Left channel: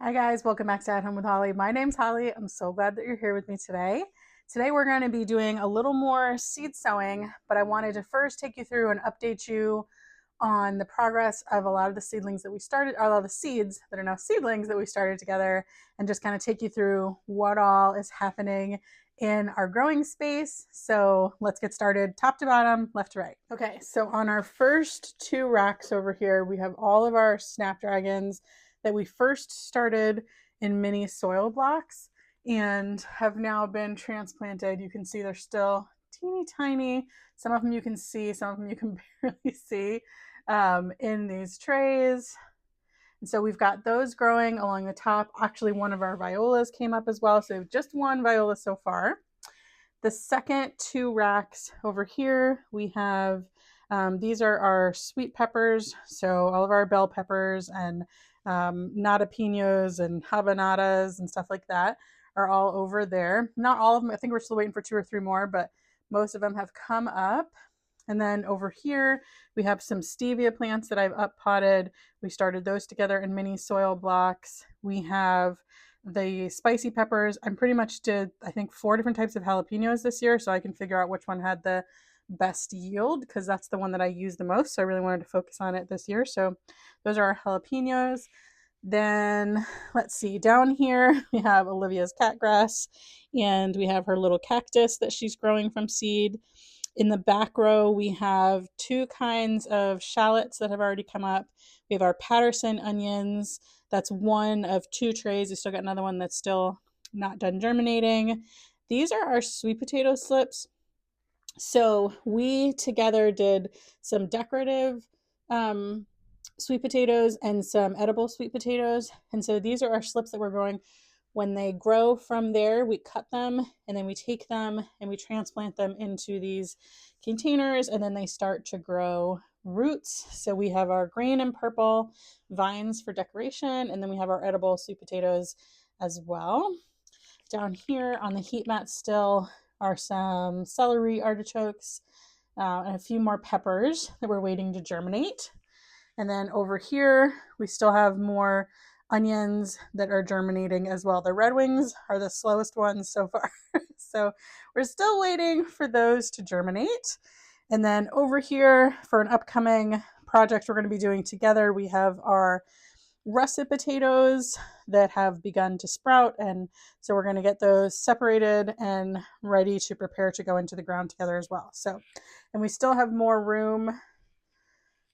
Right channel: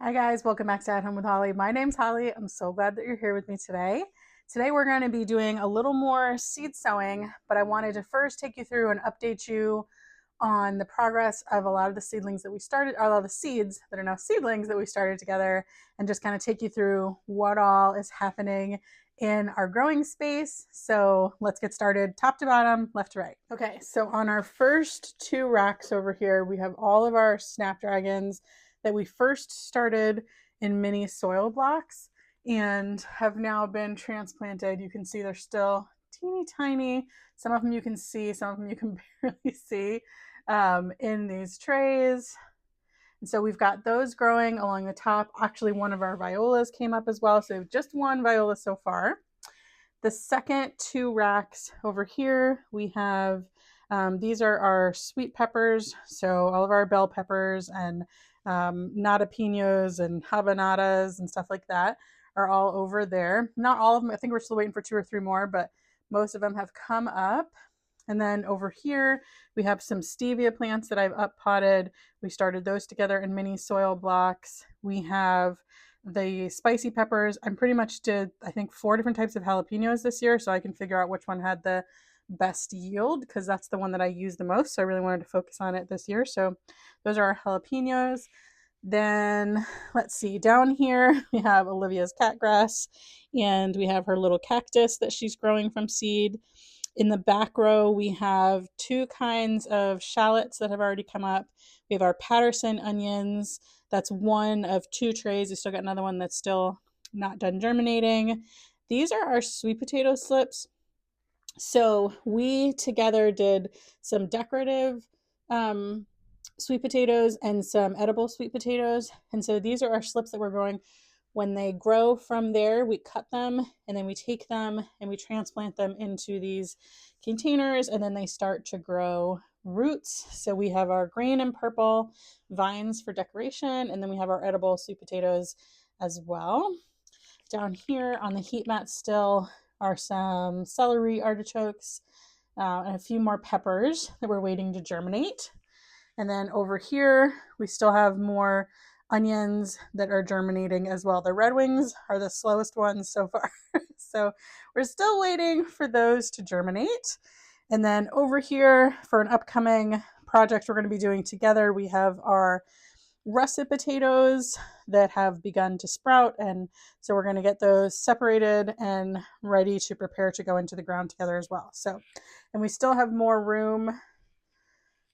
Hi guys, welcome back to At Home with Holly. My name's Holly. I'm so glad that you're here with me today. Today we're going to be doing a little more seed sowing, but I wanted to first take you through and update you on the progress of a lot of the seedlings that we started, a lot of the seeds that are now seedlings that we started together, and just kind of take you through what all is happening in our growing space. So let's get started, top to bottom, left to right. Okay, so on our first two racks over here, we have all of our snapdragons that we first started in mini soil blocks and have now been transplanted. You can see they're still teeny tiny. Some of them you can see, some of them you can barely see in these trays. And so we've got those growing along the top. Actually, one of our violas came up as well. So we have just one viola so far. The second two racks over here, we have, these are our sweet peppers. So all of our bell peppers and nada and habanadas and stuff like that are all over there. Not all of them. I think we're still waiting for 2 or 3 more, but most of them have come up. And then over here, we have some stevia plants that I've up potted. We started those together in mini soil blocks. We have the spicy peppers. I pretty much did, I think, 4 different types of jalapenos this year, so I can figure out which one had the best yield because that's the one that I use the most. So I really wanted to focus on it this year. So those are our jalapenos. Then let's see, down here we have Olivia's catgrass and we have her little cactus that she's growing from seed. In the back row, we have 2 kinds of shallots that have already come up. We have our Patterson onions. That's one of 2 trays. We still got another one that's still not done germinating. These are our sweet potato slips. So we together did some decorative sweet potatoes and some edible sweet potatoes. And so these are our slips that we're growing. When they grow from there, we cut them and then we take them and we transplant them into these containers and then they start to grow roots. So we have our green and purple vines for decoration and then we have our edible sweet potatoes as well. Down here on the heat mat still are some celery artichokes and a few more peppers that we're waiting to germinate. And then over here, we still have more onions that are germinating as well. The red wings are the slowest ones so far. So we're still waiting for those to germinate. And then over here for an upcoming project we're going to be doing together, we have our russet potatoes that have begun to sprout. And so we're going to get those separated and ready to prepare to go into the ground together as well. So, and we still have more room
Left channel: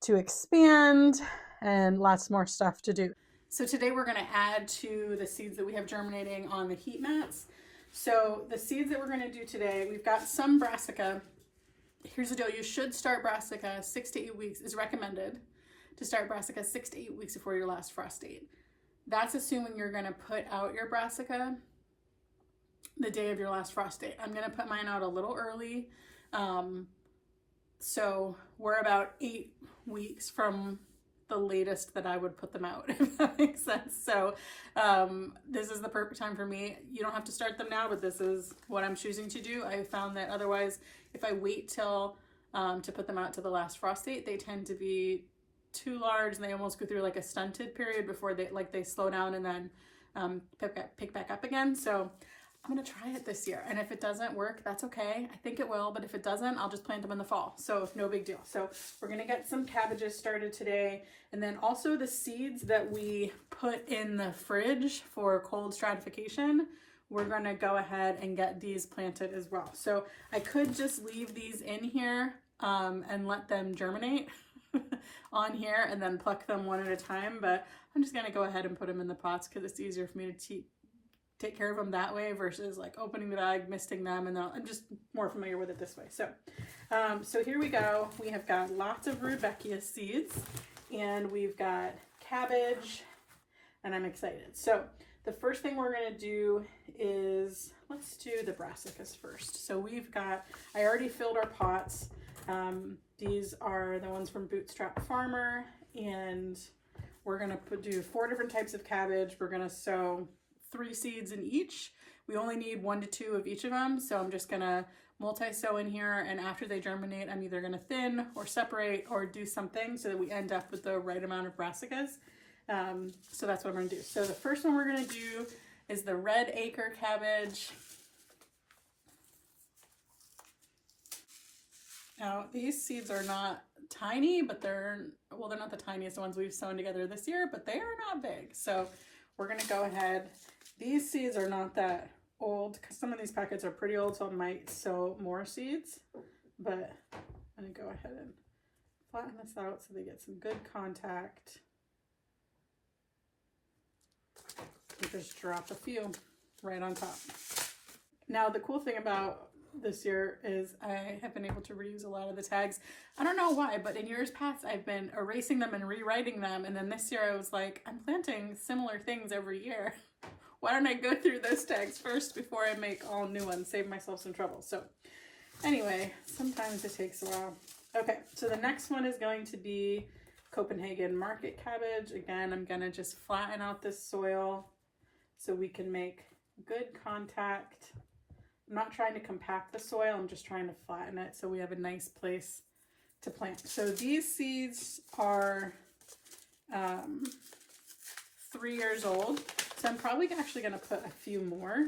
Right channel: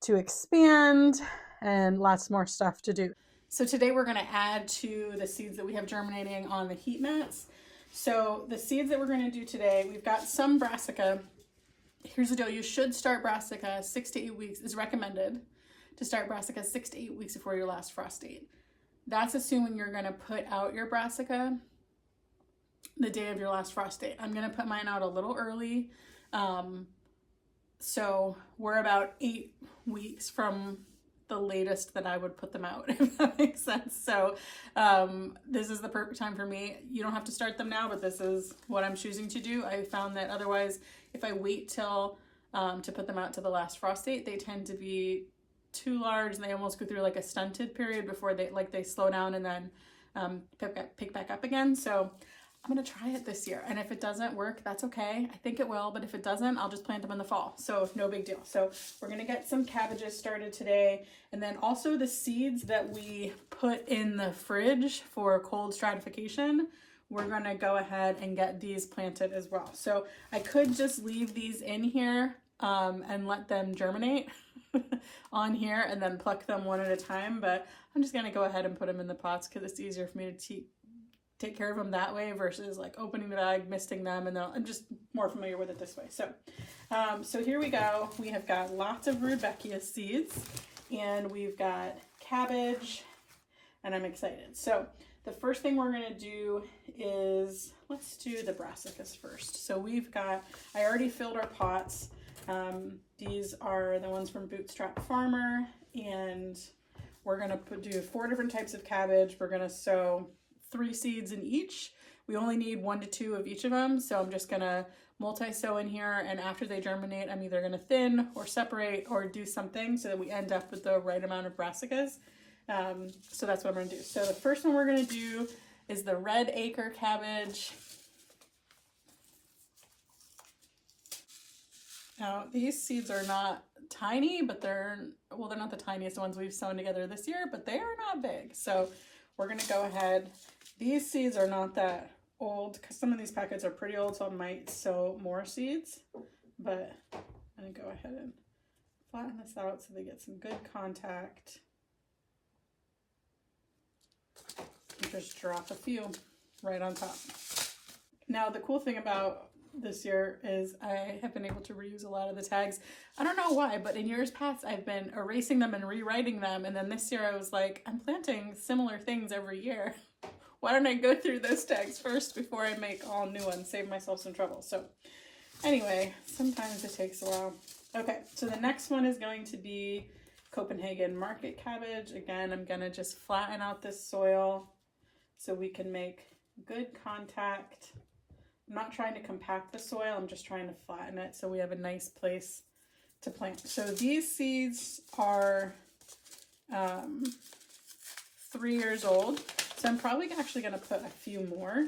to expand and lots more stuff to do. So today we're going to add to the seeds that we have germinating on the heat mats. So the seeds that we're going to do today, we've got some brassica. Here's the deal. You should start brassica 6 to 8 weeks is recommended to start brassica 6 to 8 weeks before your last frost date. That's assuming you're going to put out your brassica the day of your last frost date. I'm going to put mine out a little early. So we're about 8 weeks from the latest that I would put them out, if that makes sense. So this is the perfect time for me. You don't have to start them now, but this is what I'm choosing to do. I found that otherwise, if I wait till to put them out to the last frost date, they tend to be too large and they almost go through like a stunted period before they slow down and then pick back up again. So I'm going to try it this year. And if it doesn't work, that's okay. I think it will, but if it doesn't, I'll just plant them in the fall. So no big deal. So we're going to get some cabbages started today. And then also the seeds that we put in the fridge for cold stratification, we're going to go ahead and get these planted as well. So I could just leave these in here and let them germinate on here and then pluck them one at a time. But I'm just going to go ahead and put them in the pots because it's easier for me to take care of them that way versus like opening the bag, misting them, and I'm just more familiar with it this way. So, so here we go. We have got lots of Rudbeckia seeds, and we've got cabbage, and I'm excited. So the first thing we're gonna do is, let's do the brassicas first. So we've got, I already filled our pots. These are the ones from Bootstrap Farmer, and we're gonna do 4 different types of cabbage. We're gonna sow 3 seeds in each. We only need 1 to 2 of each of them. So I'm just gonna multi-sow in here, and after they germinate, I'm either gonna thin or separate or do something so that we end up with the right amount of brassicas. So that's what I'm going to do. So the first one we're going to do is the red acre cabbage. Now these seeds are not tiny, but they're not the tiniest ones we've sown together this year, but they are not big. So we're going to go ahead. These seeds are not that old because some of these packets are pretty old, so I might sow more seeds, but I'm going to go ahead and flatten this out so they get some good contact. And just drop a few right on top. Now the cool thing about this year is I have been able to reuse a lot of the tags. I don't know why, but in years past I've been erasing them and rewriting them, and then this year I was like, I'm planting similar things every year. Why don't I go through those tags first before I make all new ones, save myself some trouble. So anyway, sometimes it takes a while. Okay, so the next one is going to be Copenhagen market cabbage. Again, I'm going to just flatten out this soil so we can make good contact. I'm not trying to compact the soil, I'm just trying to flatten it so we have a nice place to plant. So these seeds are 3 years old, so I'm probably actually going to put a few more.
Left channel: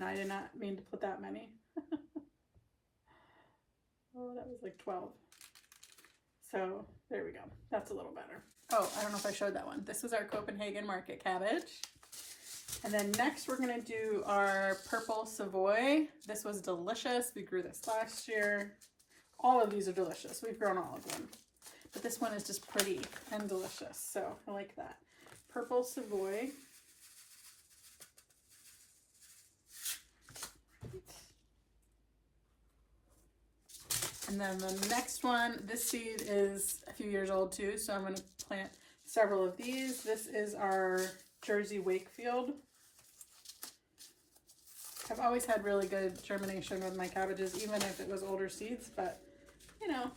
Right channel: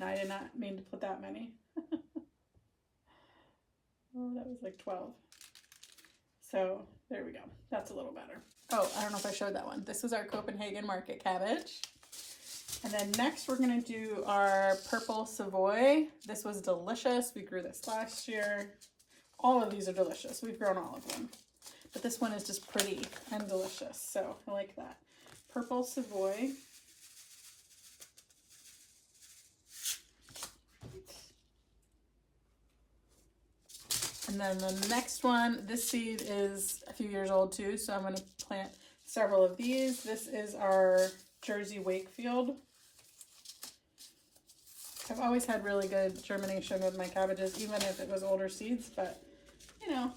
No, I did not mean to put that many. Oh, that was like 12. So there we go. That's a little better. Oh, I don't know if I showed that one. This is our Copenhagen market cabbage. And then next we're going to do our purple Savoy. This was delicious. We grew this last year. All of these are delicious. We've grown all of them. But this one is just pretty and delicious. So I like that. Purple Savoy. And then the next one, this seed is a few years old too, so I'm going to plant several of these. This is our Jersey Wakefield. I've always had really good germination with my cabbages, even if it was older seeds, but you know,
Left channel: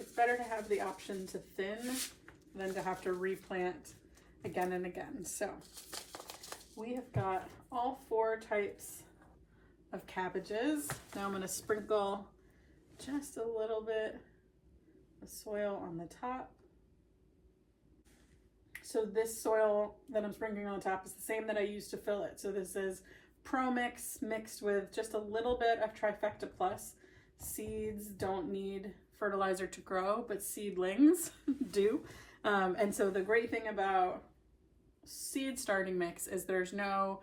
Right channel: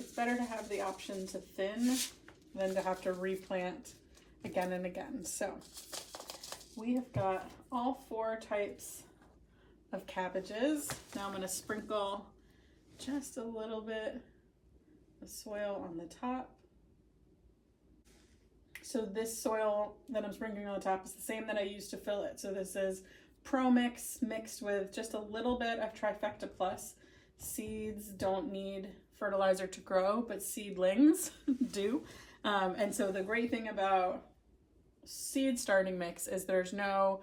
it's better to have the option to thin than to have to replant again and again. So we have got all 4 types of cabbages. Now I'm going to sprinkle just a little bit of soil on the top. So this soil that I'm sprinkling on the top is the same that I used to fill it. So this is Pro Mix mixed with just a little bit of Trifecta Plus. Seeds don't need fertilizer to grow, but seedlings do. And so the great thing about seed starting mix is there's no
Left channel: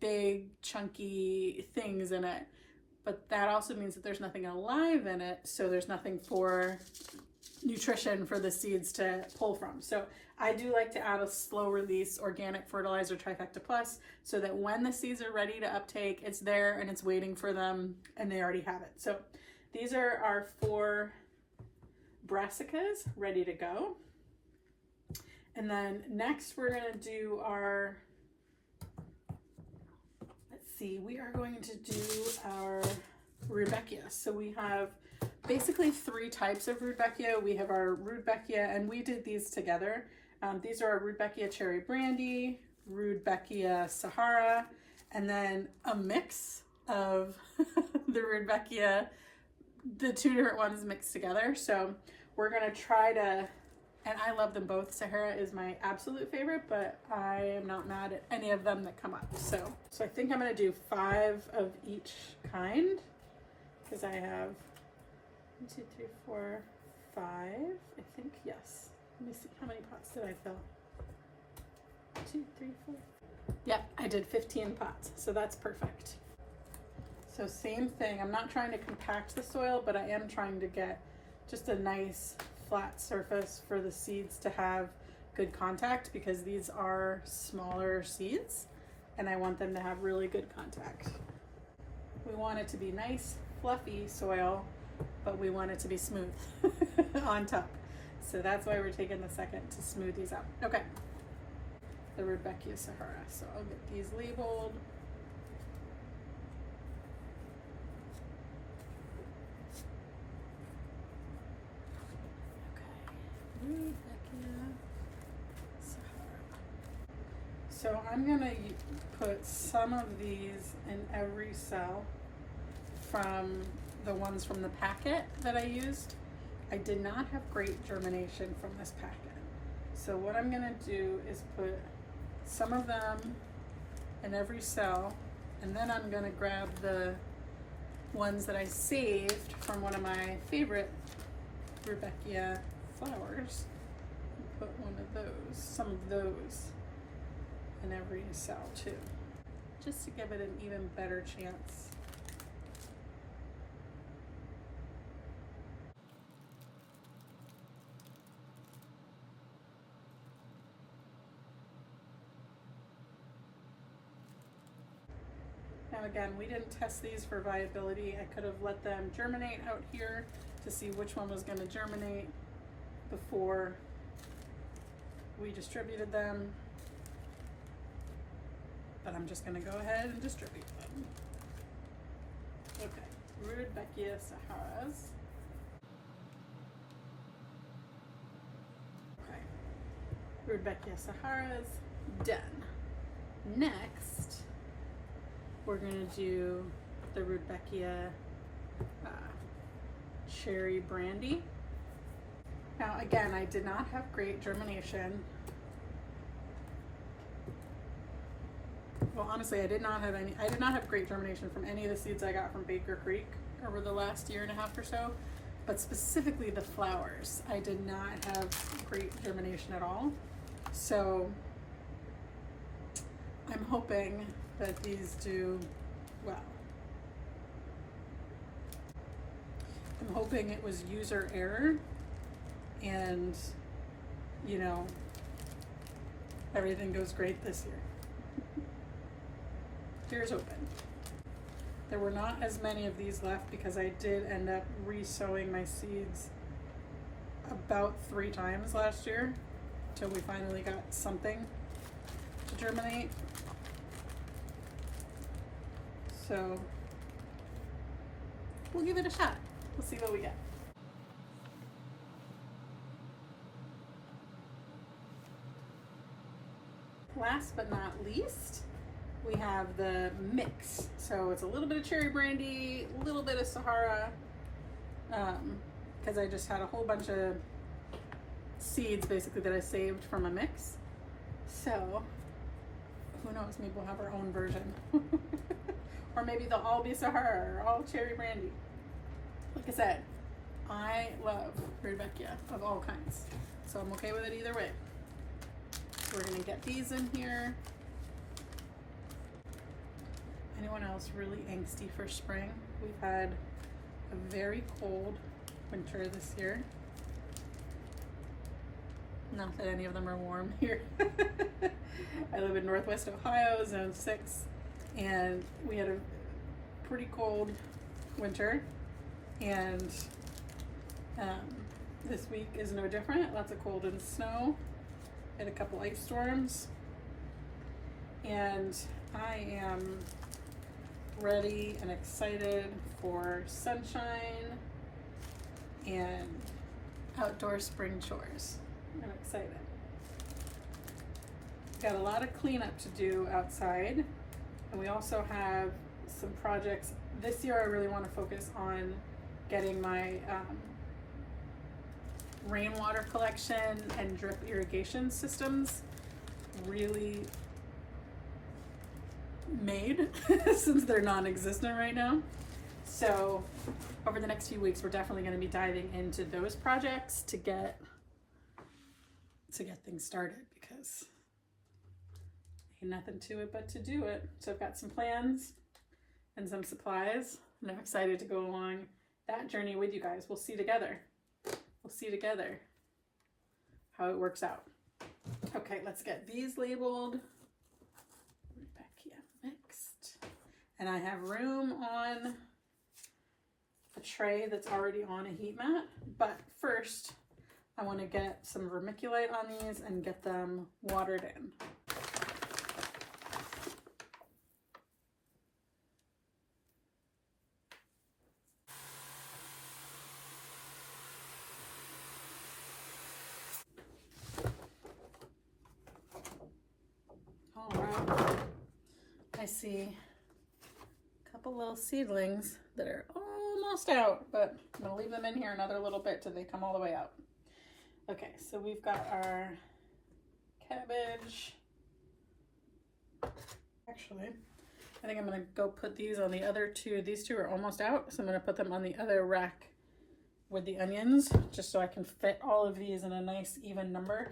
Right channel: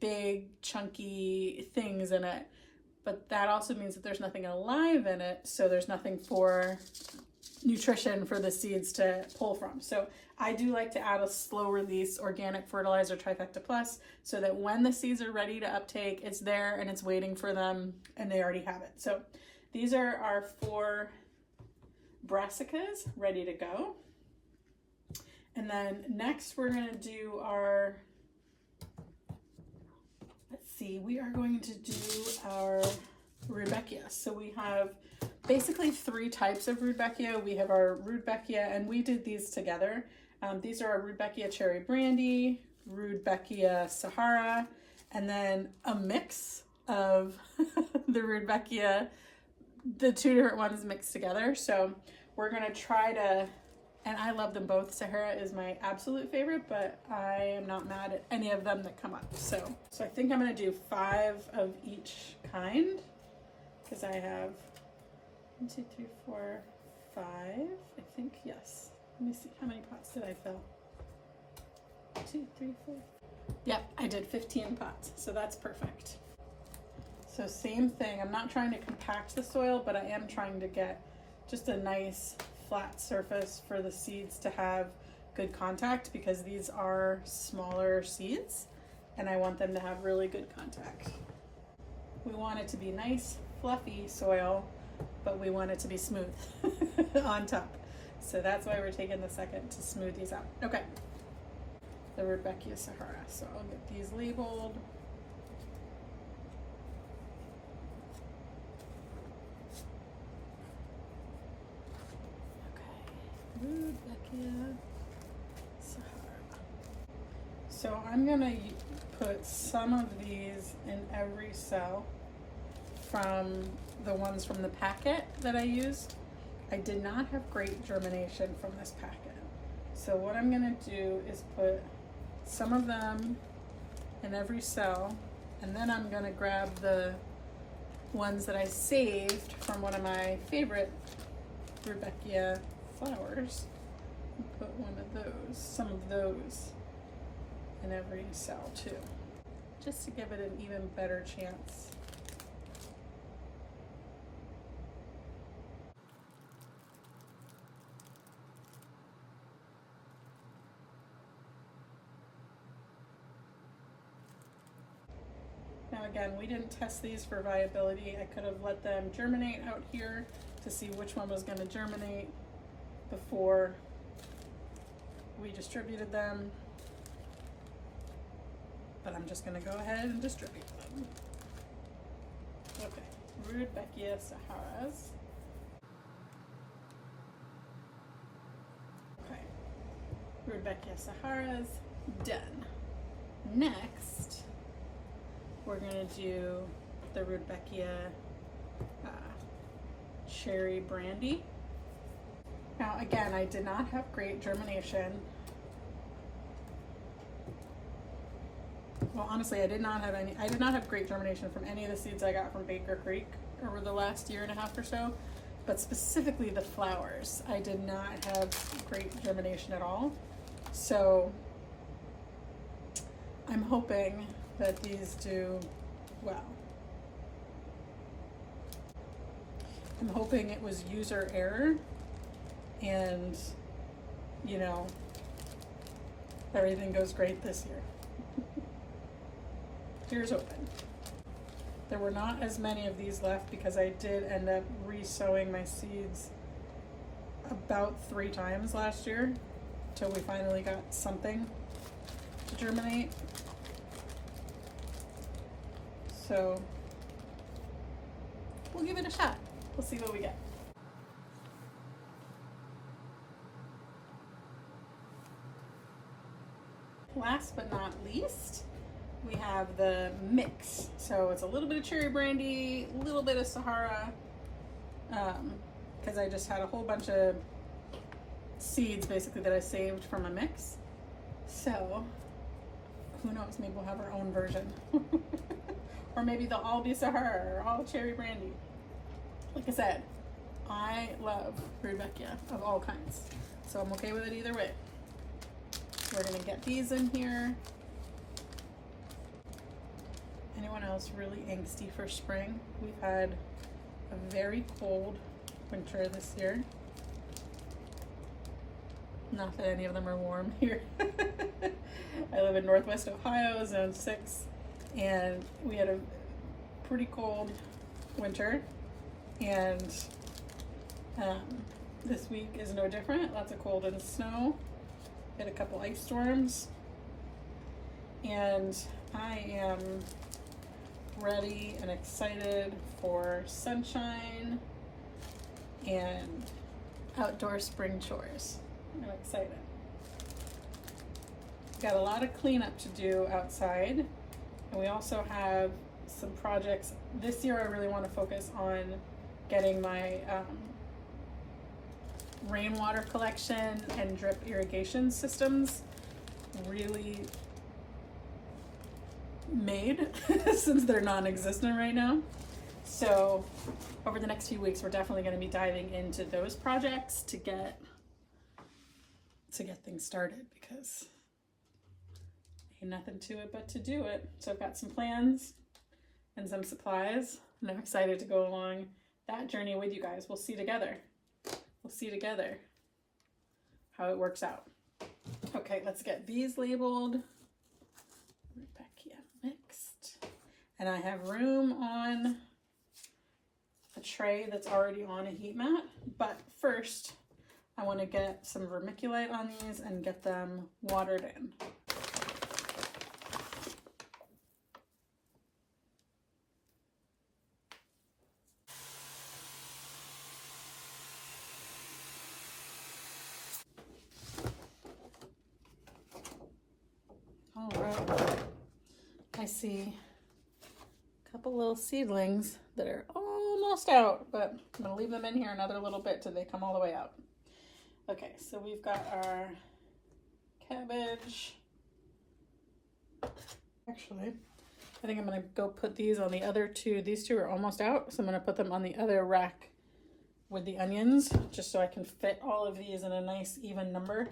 big chunky things in it, but that also means that there's nothing alive in it, so there's nothing for nutrition for the seeds to pull from. So I do like to add a slow release organic fertilizer Trifecta Plus so that when the seeds are ready to uptake, it's there and it's waiting for them and they already have it. So these are our 4 brassicas ready to go. And then next we're going to do our, we are going to do our Rudbeckia. So we have basically 3 types of Rudbeckia. We have our Rudbeckia, and we did these together. These are our Rudbeckia Cherry Brandy, Rudbeckia Sahara, and then a mix of the Rudbeckia, the 2 different ones mixed together. So we're going to try to, and I love them both. Sahara is my absolute favorite, but I am not mad at any of them that come up. So I think I'm going to do 5 of each kind because I have 1, 2, 3, 4, 5. I think, yes. Let me see, how many pots did I fill? 2, 3, 4. Yep, I did 15 pots, so that's perfect. So same thing, I'm not trying to compact the soil, but I am trying to get just a nice flat surface for the seeds to have good contact because these are smaller seeds and I want them to have really good contact. We want it to be nice, fluffy soil, but we want it to be smooth on top. So that's why we're taking the second to smooth these out. Okay, the Rudbeckia Sahara. So I'll get these labeled. Okay, Rudbeckia Sahara. So I'm gonna put some of these in every cell from the ones from the packet that I used. I did not have great germination from this packet. So what I'm gonna do is put some of them in every cell, and then I'm gonna grab the ones that I saved from one of my favorite Rudbeckia flowers and put some of those in every cell too, just to give it an even better chance. Now again, we didn't test these for viability. I could have let them germinate out here to see which one was going to germinate before we distributed them. But I'm just going to go ahead and distribute them. Okay, Rudbeckia Saharas. Okay, Rudbeckia Saharas, done. Next, we're gonna do the Rudbeckia Cherry Brandy. Now again, I did not have great germination. Well, honestly, I did not have great germination from any of the seeds I got from Baker Creek over the last year and a half or so, but specifically the flowers, I did not have great germination at all. So I'm hoping that these do well. I'm hoping it was user error and, you know, everything goes great this year. Here's hoping. There were not as many of these left because I did end up re-sowing my seeds about 3 times last year until we finally got something to germinate. So we'll give it a shot. We'll see what we get. Last but not least, we have the mix. So it's a little bit of cherry brandy, a little bit of Sahara, because I just had a whole bunch of seeds basically that I saved from a mix. So who knows, maybe we'll have our own version. Or maybe they'll all be Sahara or all cherry brandy. Like I said, I love Rudbeckia of all kinds, so I'm okay with it either way. We're gonna get these in here. Anyone else really angsty for spring? We've had a very cold winter this year. Not that any of them are warm here. I live in Northwest Ohio, zone 6, and we had a pretty cold winter, and this week is no different. Lots of cold and snow. Had a couple ice storms, and I am ready and excited for sunshine and outdoor spring chores. I'm excited. Got a lot of cleanup to do outside, and we also have some projects. This year I really want to focus on getting my rainwater collection and drip irrigation systems really made since they're non-existent right now. So over the next few weeks, we're definitely going to be diving into those projects to get things started, because ain't nothing to it but to do it. So I've got some plans and some supplies, and I'm excited to go along that journey with you guys. We'll see together. We'll see together how it works out. Okay, let's get these labeled. Rudbeckia mixed. And I have room on a tray that's already on a heat mat. But first, I want to get some vermiculite on these and get them watered in. All right, I see a couple little seedlings that are almost almost out, but I'm going to leave them in here another little bit till they come all the way out. Okay, so we've got our cabbage. Actually, I think I'm going to go put these on the other two. These two are almost out, so I'm going to put them on the other rack with the onions, just so I can fit all of these in a nice even number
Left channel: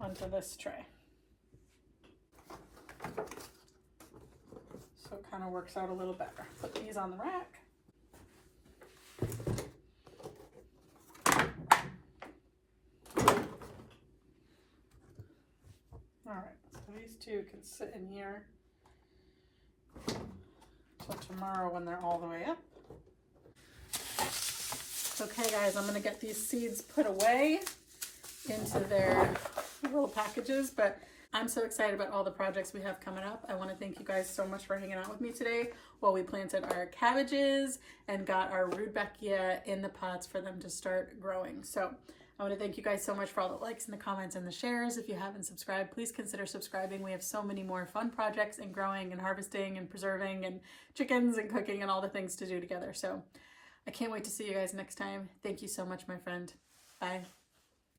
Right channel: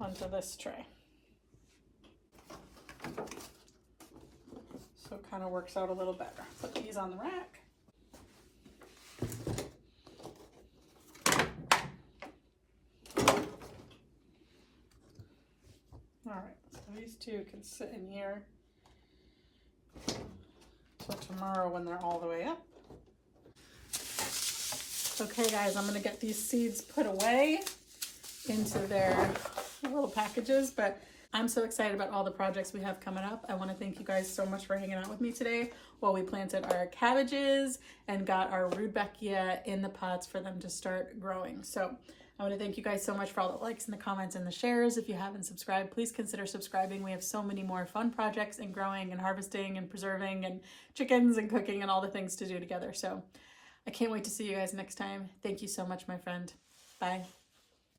onto this tray. So it kind of works out a little better. Put these on the rack. All right, so these two can sit in here till tomorrow when they're all the way up. Okay guys, I'm gonna get these seeds put away into their little packages, but I'm so excited about all the projects we have coming up. I want to thank you guys so much for hanging out with me today while we planted our cabbages and got our Rudbeckia in the pots for them to start growing. So I want to thank you guys so much for all the likes and the comments and the shares. If you haven't subscribed, please consider subscribing. We have so many more fun projects and growing and harvesting and preserving and chickens and cooking and all the things to do together. So I can't wait to see you guys next time. Thank you so much, my friend. Bye.